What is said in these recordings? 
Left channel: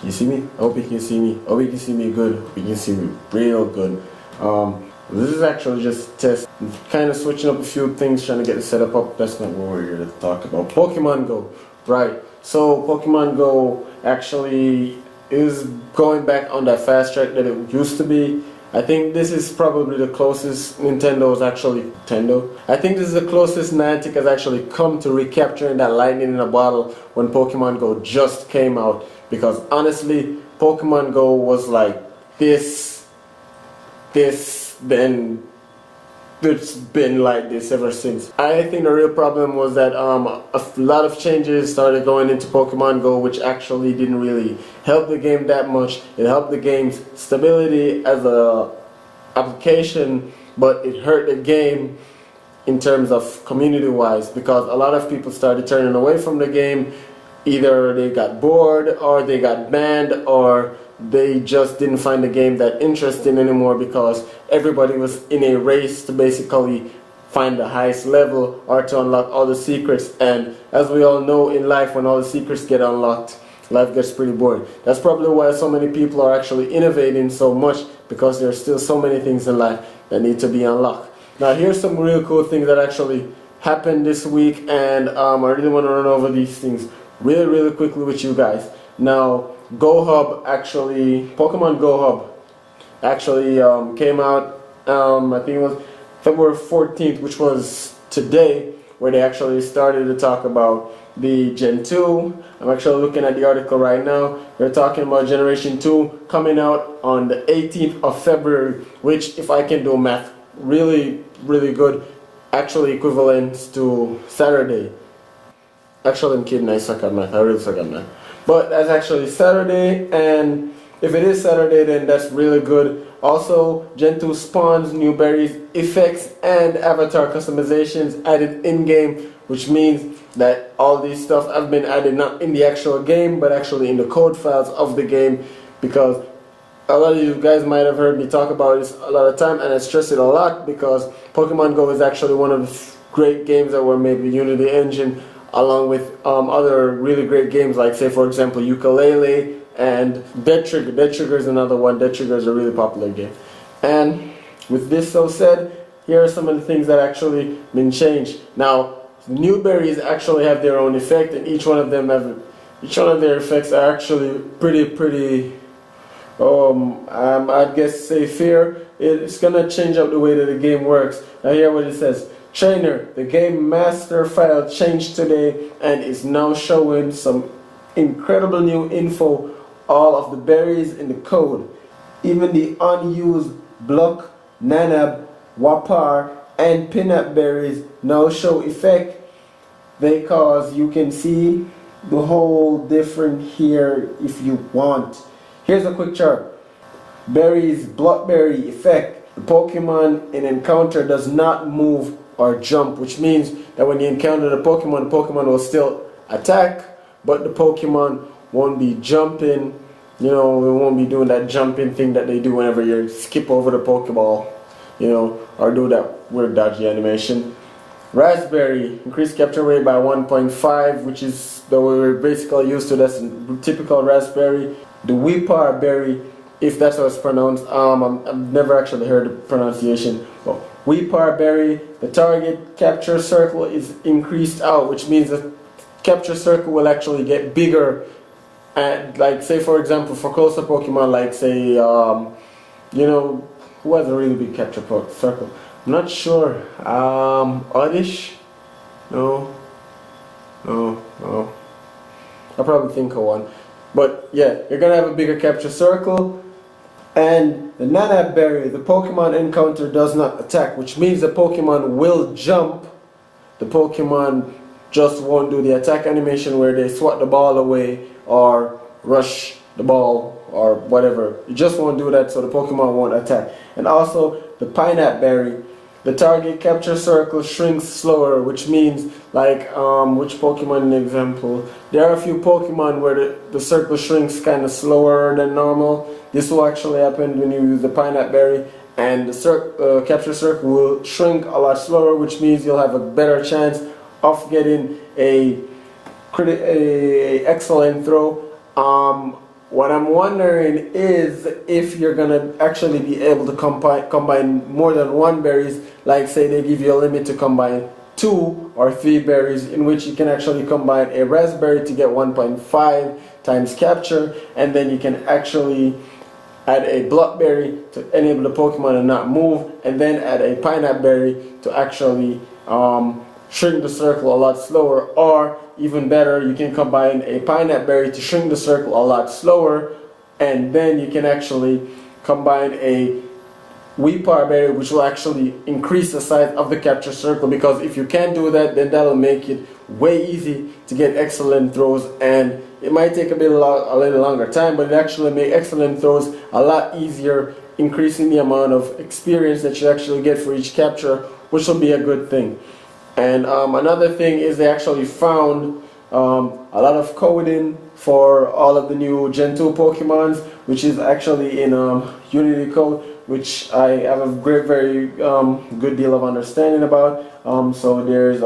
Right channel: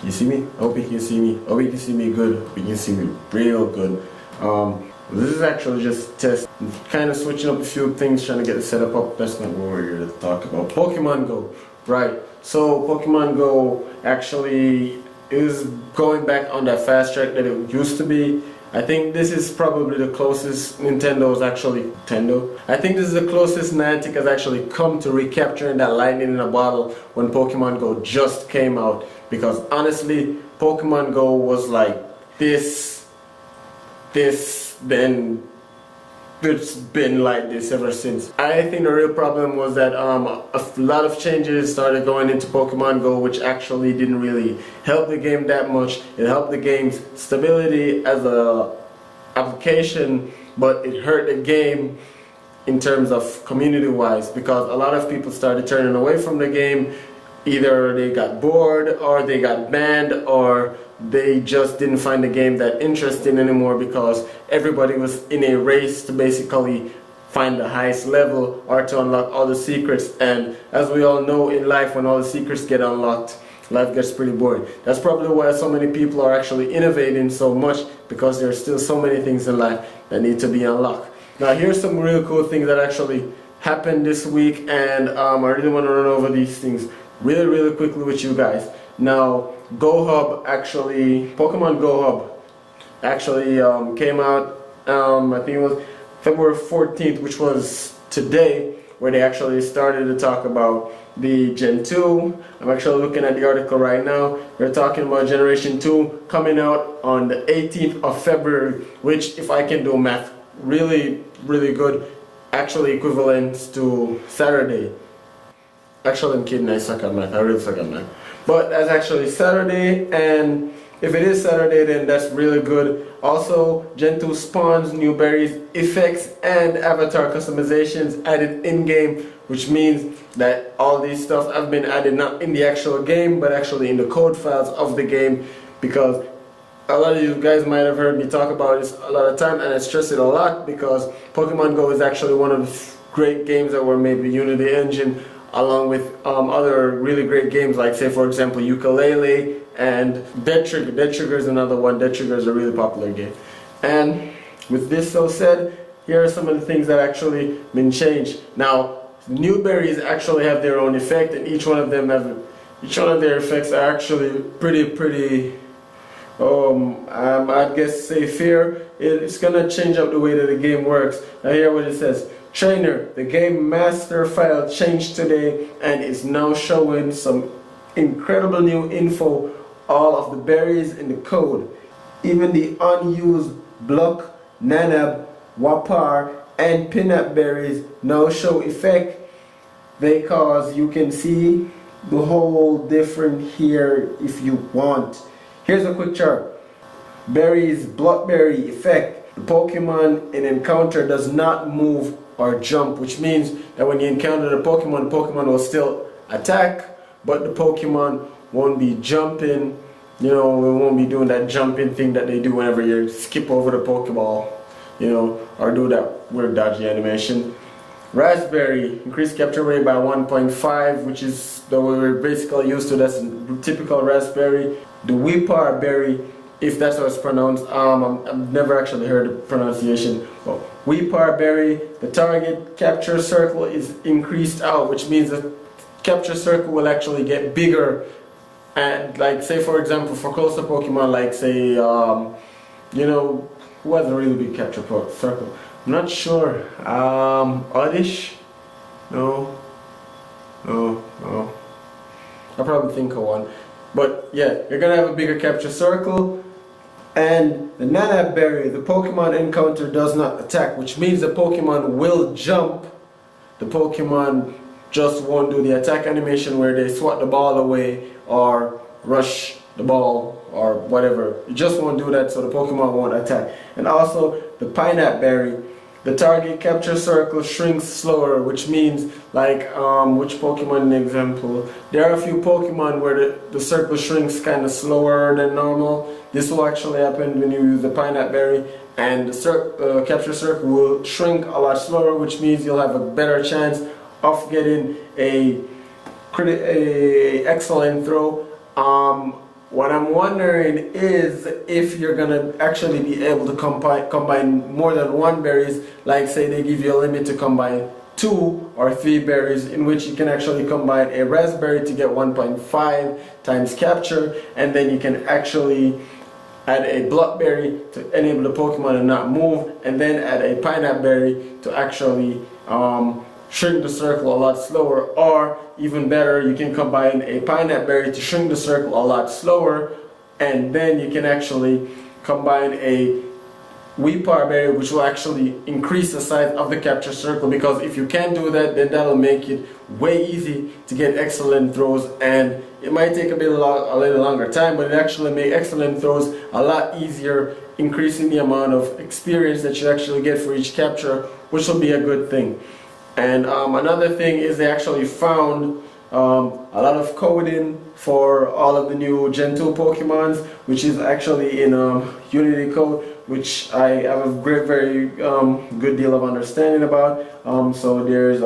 Can you see me? I hope you can see me. I hope you can see me good. You can see me real good. This is actually just a test. Kind of switching up a few things, trying to get the setup up. That's not what we're here to talk about. Pokemon Go. Right. So Pokemon Go actually is going back on that fast track that it used to be. I think this is probably the closest Nintendo's actually Nintendo. I think this is the closest Niantic has actually come to recapturing that lightning in a bottle when Pokemon Go just came out. Because honestly, Pokemon Go was like this, then it's been like this ever since. I think the real problem was that a lot of changes started going into Pokemon Go, which actually didn't really help the game that much. It helped the game's stability as a application, but it hurt the game in terms of community-wise, because a lot of people started turning away from the game. Either they got bored, or they got banned, or they just didn't find the game that interesting anymore because everybody was in a race to basically find the highest level or to unlock all the secrets. And as we all know in life, when all the secrets get unlocked, life gets pretty boring. That's probably why so many people are actually innovating so much, because there's still so many things in life that need to be unlocked. Now here's some real cool things that actually happened this week, and I really want to run over these things really quickly with you guys. Now, Pokemon Go Hub actually came out, I think it was February 14th, which was today, where they actually started to talk about the Gen 2. I'm actually looking at the article right now. They're talking about Generation 2 coming out on the 18th of February, which, if I can do math, really good, actually equivalent to Saturday. Actually, I'm kidding, I suck at math. I really suck at math. But that's actually Saturday, and if it is Saturday, then that's really good. Also, Gen 2 spawns, new berries, effects, and avatar customizations added in-game, which means that all these stuff have been added not in the actual game, but actually in the code files of the game, because a lot of you guys might have heard me talk about this a lot of time, and I stress it a lot because Pokemon Go is actually one of the great games that were made with Unity Engine, along with other really great games like, say for example, Ukulele and Dead Trigger. Dead Trigger is another one. Dead Trigger is a really popular game. And with this so said, here are some of the things that actually been changed. Now, new berries actually have their own effect, and each one of their effects are actually pretty I guess say fair. It's gonna change up the way that the game works. Now here what it says. Trainer, the game master file changed today and is now showing some incredible new info. All of the berries in the code, even the unused block, nanab, wapar, and peanut berries now show effect, because you can see the whole different here if you want. Here's a quick chart. Berries, blockberry effect. The Pokemon in encounter does not move or jump, which means that when you encounter the Pokemon will still attack, but the Pokemon won't be jumping. You know, it won't be doing that jumping thing that they do whenever you skip over the Pokeball, you know, or do that weird dodgy animation. Raspberry, increased capture rate by 1.5, which is the way we're basically used to. That's typical Raspberry. The Weepar berry, if that's how it's pronounced, I've never actually heard the pronunciation. But Weepar berry, the target capture circle is increased out, which means the capture circle will actually get bigger. And like, say for example, for closer Pokemon, like say, you know, who has a really big capture circle? I'm not sure. Oddish? No. I'll probably think of one. But yeah, you're gonna have a bigger capture circle. And the Nanab berry, the Pokemon encounter does not attack, which means the Pokemon will jump. The Pokemon just won't do the attack animation where they swat the ball away or rush the ball or whatever. It just won't do that, so the Pokemon won't attack. And also the Pineapple berry, the target capture circle shrinks slower, which means, like, which Pokemon in the example? There are a few Pokemon where the circle shrinks kind of slower than normal. This will actually happen when you use the Pineapple berry, and the capture circle will shrink a lot slower, which means you'll have a better chance of getting a excellent throw. what I'm wondering is if you're gonna actually be able to combine more than one berries. Like say they give you a limit to combine 2 or 3 berries, in which you can actually combine a raspberry to get 1.5 times capture, and then you can actually add a blackberry to enable the Pokemon to not move, and then add a pineapple berry to actually shrink the circle a lot slower. Or even better, you can combine a pineapple berry to shrink the circle a lot slower, and then you can actually combine a Weepar berry, which will actually increase the size of the capture circle, because if you can't do that, then that'll make it way easy to get excellent throws, and it might take a little longer time, but it actually makes excellent throws a lot easier, increasing the amount of experience that you actually get for each capture, which will be a good thing. And another thing is they actually found a lot of coding for all of the new Gen 2 Pokemons, which is actually in Unity code, which I have a very good deal of understanding about. So there's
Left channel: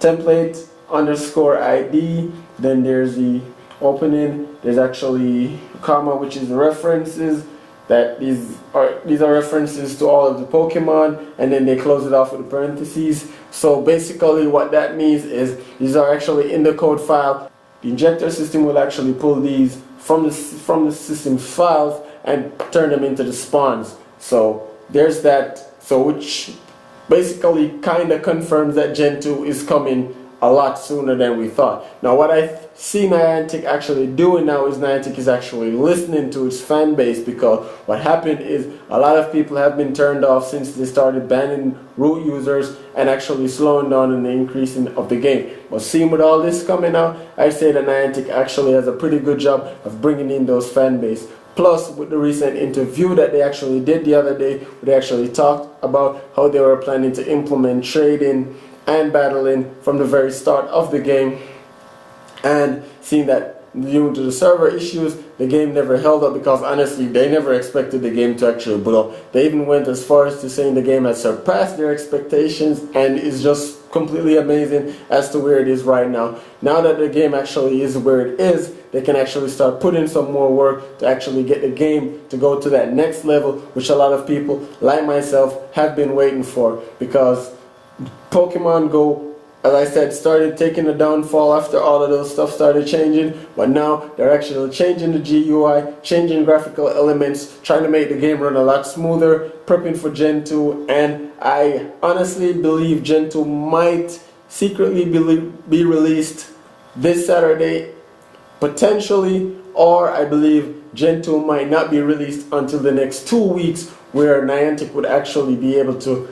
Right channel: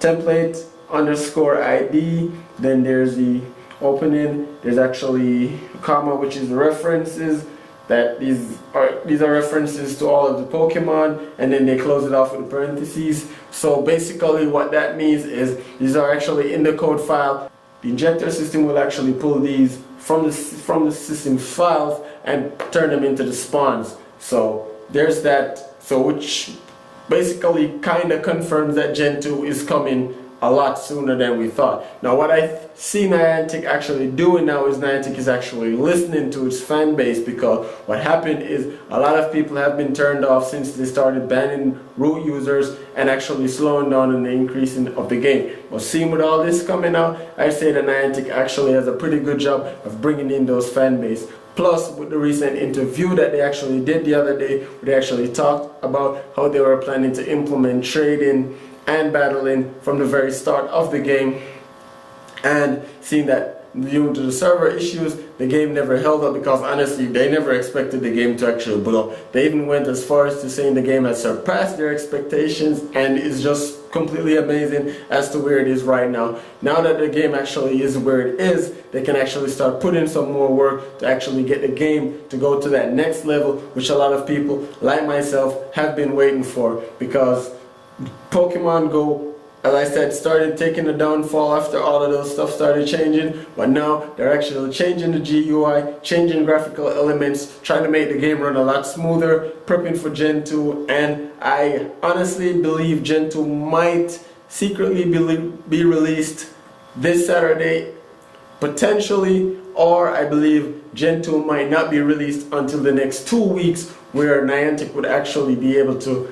template underscore ID, then there's the opening, there's actually a comma, which is the references, that these are references to all of the Pokemon, and then they close it off with parentheses. So basically what that means is these are actually in the code file. The injector system will actually pull these from the system's files and turn them into the spawns. So there's that, so which basically kind of confirms that Gen 2 is coming a lot sooner than we thought. Now what I see Niantic actually doing now is Niantic is actually listening to its fan base, because what happened is a lot of people have been turned off since they started banning root users and actually slowing down in the increasing of the game. But seeing with all this coming out, I say that Niantic actually has a pretty good job of bringing in those fan base. Plus, with the recent interview that they actually did the other day, where they actually talked about how they were planning to implement trading and battling from the very start of the game, and seeing that due to the server issues, the game never held up, because honestly they never expected the game to actually blow up. They even went as far as to saying the game has surpassed their expectations and is just completely amazing as to where it is right now. Now that the game actually is where it is, they can actually start putting some more work to actually get the game to go to that next level, which a lot of people like myself have been waiting for, because Pokemon Go, as I said, started taking a downfall after all of those stuff started changing, but now they're actually changing the GUI, changing graphical elements, trying to make the game run a lot smoother, prepping for Gen 2, and I honestly believe Gen 2 might secretly be released this Saturday, potentially, or I believe Gen 2 might not be released until the next 2 weeks, where Niantic would actually be able to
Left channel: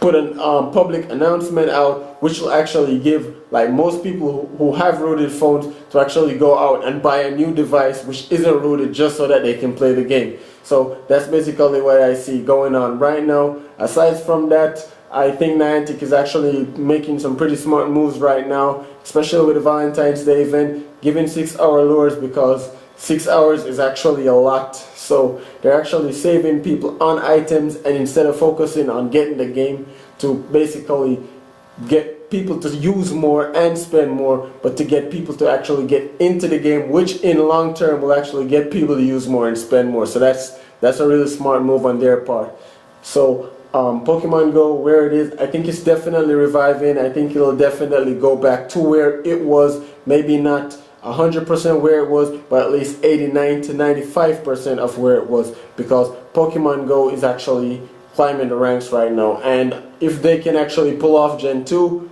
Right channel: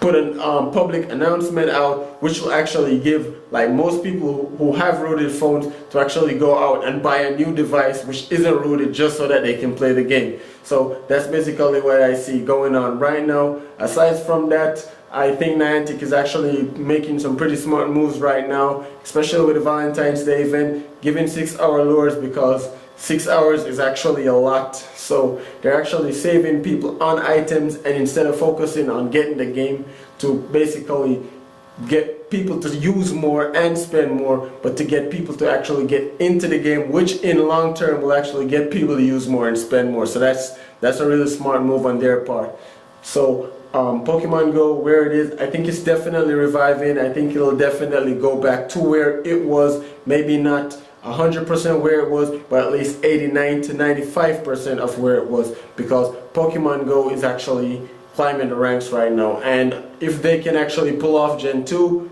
put a public announcement out, which will actually give like most people who have rooted phones to actually go out and buy a new device which isn't rooted, just so that they can play the game. So that's basically what I see going on right now. Aside from that, I think Niantic is actually making some pretty smart moves right now, especially with the Valentine's Day event, giving 6-hour lures, because 6 hours is actually a lot. So they're actually saving people on items, and instead of focusing on getting the game to basically get people to use more and spend more, but to get people to actually get into the game, which in long term will actually get people to use more and spend more. So that's a really smart move on their part. So Pokemon Go, where it is, I think it's definitely reviving. I think it'll definitely go back to where it was, maybe not 100% where it was, but at least 89 to 95% of where it was, because Pokemon Go is actually climbing the ranks right now. And if they can actually pull off Gen 2,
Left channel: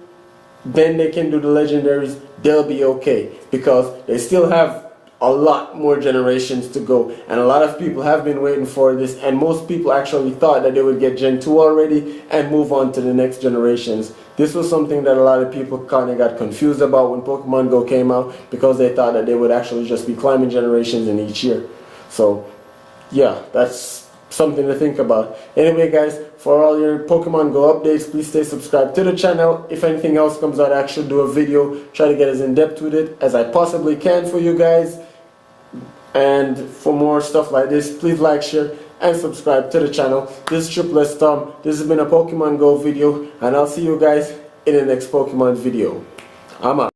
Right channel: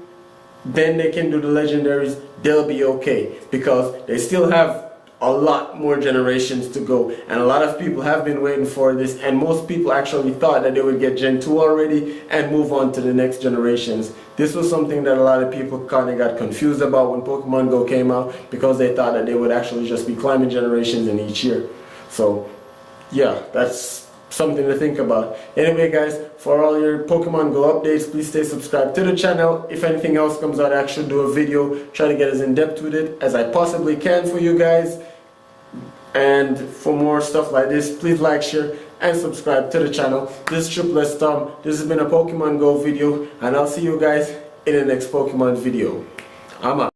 then they can do the legendaries, they'll be okay, because they still have a lot more generations to go, and a lot of people have been waiting for this, and most people actually thought that they would get Gen 2 already and move on to the next generations. This was something that a lot of people kind of got confused about when Pokemon Go came out, because they thought that they would actually just be climbing generations in each year. So yeah, that's something to think about. Anyway guys, for all your Pokemon Go updates, please stay subscribed to the channel. If anything else comes out, I actually do a video, try to get as in depth with it as I possibly can for you guys. And for more stuff like this, please like, share, and subscribe to the channel. This is Triple S Tom. This has been a Pokemon Go video, and I'll see you guys in the next Pokemon video. I'm out.